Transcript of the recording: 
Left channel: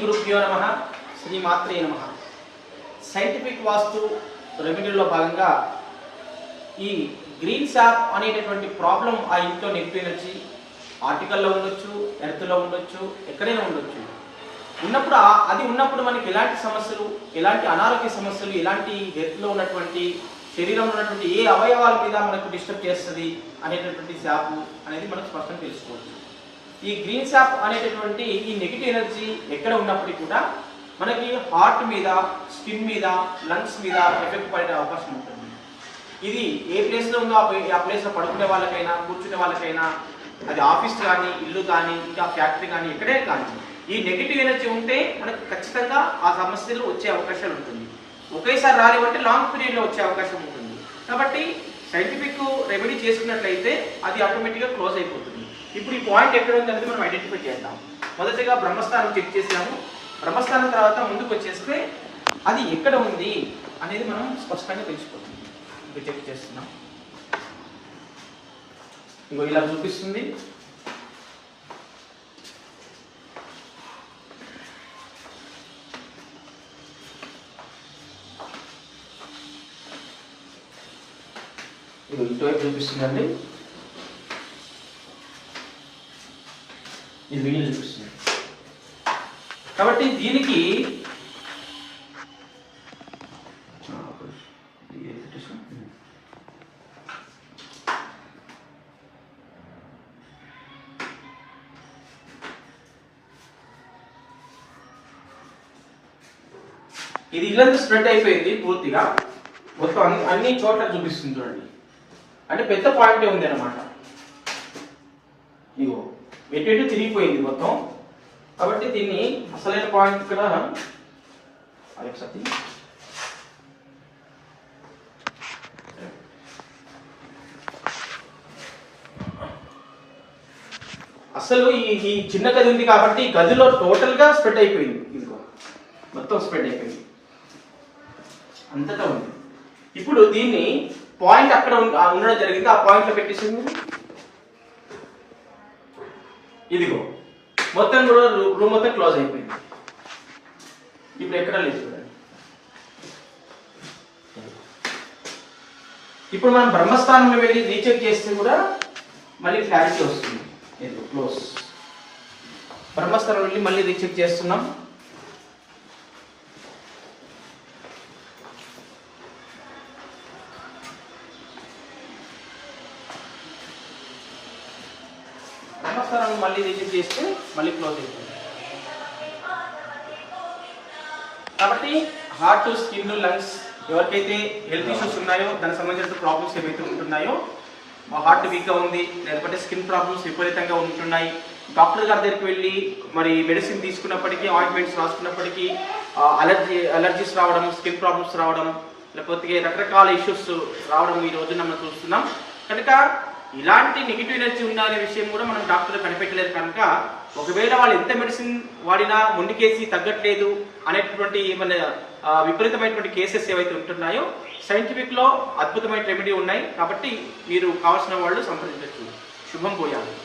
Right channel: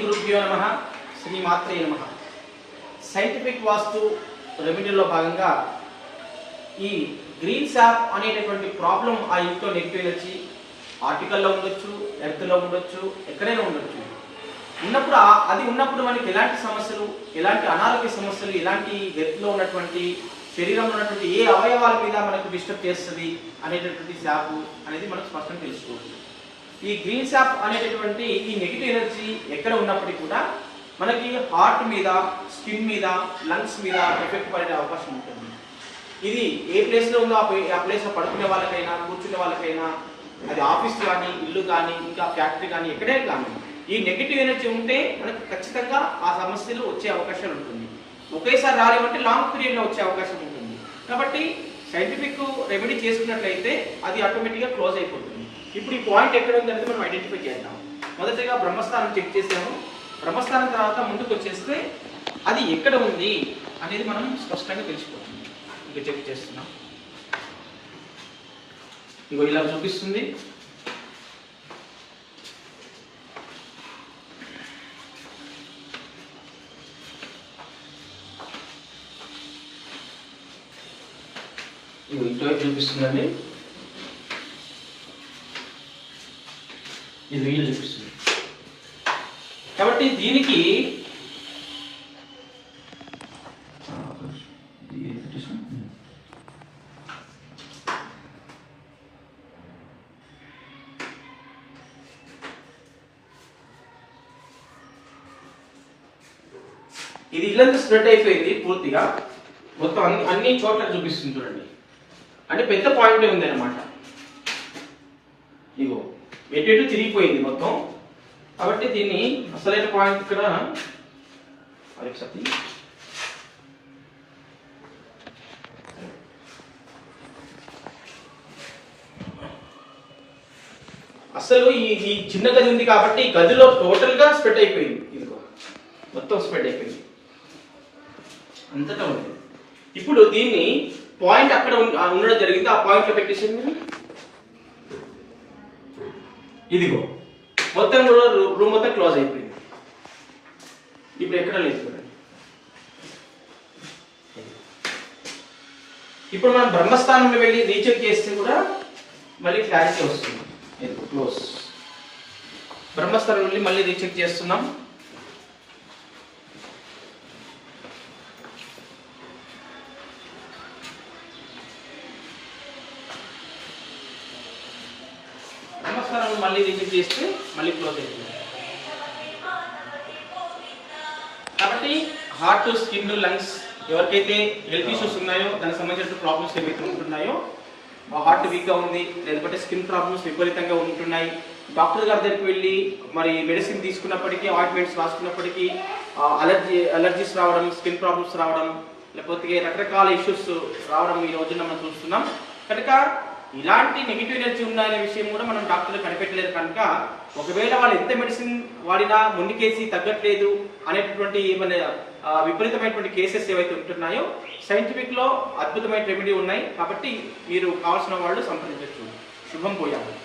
గురుభ్యో నమః శ్రీమాత్రే నమః. సైంటిఫిక్ వాస్తు రెమెడీలో భాగంగా ఈ గ్రీన్ శాప్ అనేటటువంటి ప్రాబ్లం ఆ ఇంట్లో నెగిటివ్ ఎనర్జీ ఆర్టికల్లో ఉండొచ్చు, ఎర్త్లో ఉండొచ్చు, ఎక్కడైనా ఉండొచ్చు. ఉన్నప్పుడు మనకి ఎలాంటి సమస్యలు, ఎలాంటి అనారోగ్య సమస్యలు, ఎలాంటి హెల్త్లో ఉన్నటువంటి శరీరంలో ఉన్నటువంటి ఏ అవయవాల మీద మనకు డిస్టర్బ్ చేస్తుంది అనేటటువంటి శాప్ అనేది మనకు స్పష్టంగా తెలుసుకోవచ్చు. ఈ గ్రీన్ శాప్ అనేటటువంటి ఈ నెగిటివ్ ఎనర్జీ ఎక్కడ ఉన్నప్పటికీ కూడా మనకి హార్ట్ మీద, స్కిన్ మీద, లంగ్స్ మీద ఎఫెక్ట్ పడే అవకాశం ఉంటుంది. ఇది ఏ ప్లేస్లో ఉందో ఆ ప్లేస్లో పడుకునే వాళ్ళకైనా, కూర్చునే వాళ్ళకైనా, అది ఆఫీస్ కానీ, ఇల్లు కానీ, ఇంకా ఫ్యాక్టరీ కానీ, ఎక్కడే కానీ ఈ నెగిటివ్ ఎనర్జీ ఉంటే మనకు ఖచ్చితంగా ఆ సమస్యలు వచ్చే అవకాశాలు ఉంటుంది. ఒకేసారి రాలేమంటే లాంగ్ పీరియడ్లో వచ్చే అవకాశం ఉంటుంది. కాబట్టి సైంటిఫిక్ రెమెడీ చేసుకున్నట్లయితే అది ఆటోమేటిక్గా క్లోజ్ అయిపోతుంది. ఇప్పుడు ఈ పాయింట్ ఎక్కడ ఉంది అనేది మనం ఐడెంటిఫై చేద్దాం. మొదటగా బ్రహ్మస్థానం చెక్ చేసాము. బ్రహ్మస్థానం తర్వాత ముందుకు వచ్చేస్తే అది ఎక్కడ ఉంది అనేది మనం స్పష్టంగా తెలిసిపోతుంది. ఇంకా చెక్ చేస్తున్నాం. ఇంకో ఇలా చూపిస్తుంది. ఇటువైపు చూపిస్తుందండి. ఇది వీలు చూపిస్తుంది. కాబట్టి దీనికి ఇది ఇల్లంతా స్ప్రెడ్ అయిపోయింది పూర్తిగా. మొత్తం అన్ని చోట్ల చూపిస్తుంది చూడండి. అంటే పెద్ద పాయింటే ఉంది అనమాట. ఇగో ఎటు తిరిగిపోయింది మొత్తం. కాబట్టి దీన్ని అసలైన పాయింట్ ఇక్కడ అసలు ఈ చిన్న గది ఉంది కాబట్టి గదిలో టోటల్ గా స్ప్రెడ్ అయిపోయింది. ఇంకో మొత్తం స్ప్రెడ్ అయిపోయింది, అంతటా ఉంది. ఇప్పుడు దీన్ని పాయింట్ అక్కడ ఉండడం జరిగింది. ఆ పాయింట్ లో పెట్టేసింది. ఇదిగో మొత్తం కూడా రూమ్ మొత్తం క్లోజ్ అయిపోయింది. ఇప్పుడు ఎక్కడ లేదు చూడండి. ఇప్పుడు మనం బ్రహ్మస్థానంలో వెళ్ళి రీచెక్ చేస్తే కూడా మళ్ళీ క్లారిటీ వస్తుంది. ఇదిగో క్లోజ్. బ్రహ్మస్థానం వెళ్ళి మళ్ళీ రీచెక్ చేస్తున్నాం. బ్రహ్మస్థానాన్ని మళ్ళీ రీచెక్ చేస్తే మళ్ళీ క్లోజ్ అవుతుంది. కాబట్టి హార్ట్, స్కిన్, లంగ్స్ ఎవరికైతే హెల్త్ ఇష్యూస్ ఉన్నాయో, దానికి సంబంధించిన ప్రాబ్లమ్స్ ఏవైతే ఉంటున్నాయో, హార్ట్ వీక్గా ఉంది, లేకపోతే స్కిన్ ప్రాబ్లమ్స్ విపరీతంగా ఉంటున్నాయి, డాక్టర్ గారి దగ్గరికి వెళ్ళి మరి మెడిసిన్ తీసుకున్నప్పటికీ, ఆయింట్మెంట్స్ రాసుకున్నప్పటికీ అలర్జీస్ రావడం, స్కిన్ ప్రాబ్లమ్స్ రావడం, లేకపోతే రకరకాల ఇష్యూస్ రావడం ఈ రోజున మనం చూస్తున్నాం. కనుక ఇలాంటి నెగిటివ్ ఎనర్జీ ఉందనే విషయం కూడా మనం డాక్టర్లు కనిపెట్టలేరు. కనుక ఒకవేళ వాళ్ళు ఎంత మెడిసిన్ వాడినా ముందుకేసి తగ్గట్లేదు అనేటటువంటి ఏమైనా విపరీతమైనటువంటి కేసెస్ ఏవైతే ఉంటున్నాయో సైంటిఫిక్ లో అద్భుతమైన రెమెడీ ఉన్నాయి. కాబట్టి మీరు కావాల్సిన వాళ్ళు సంప్రదించవచ్చు. శుభం పోయాలి.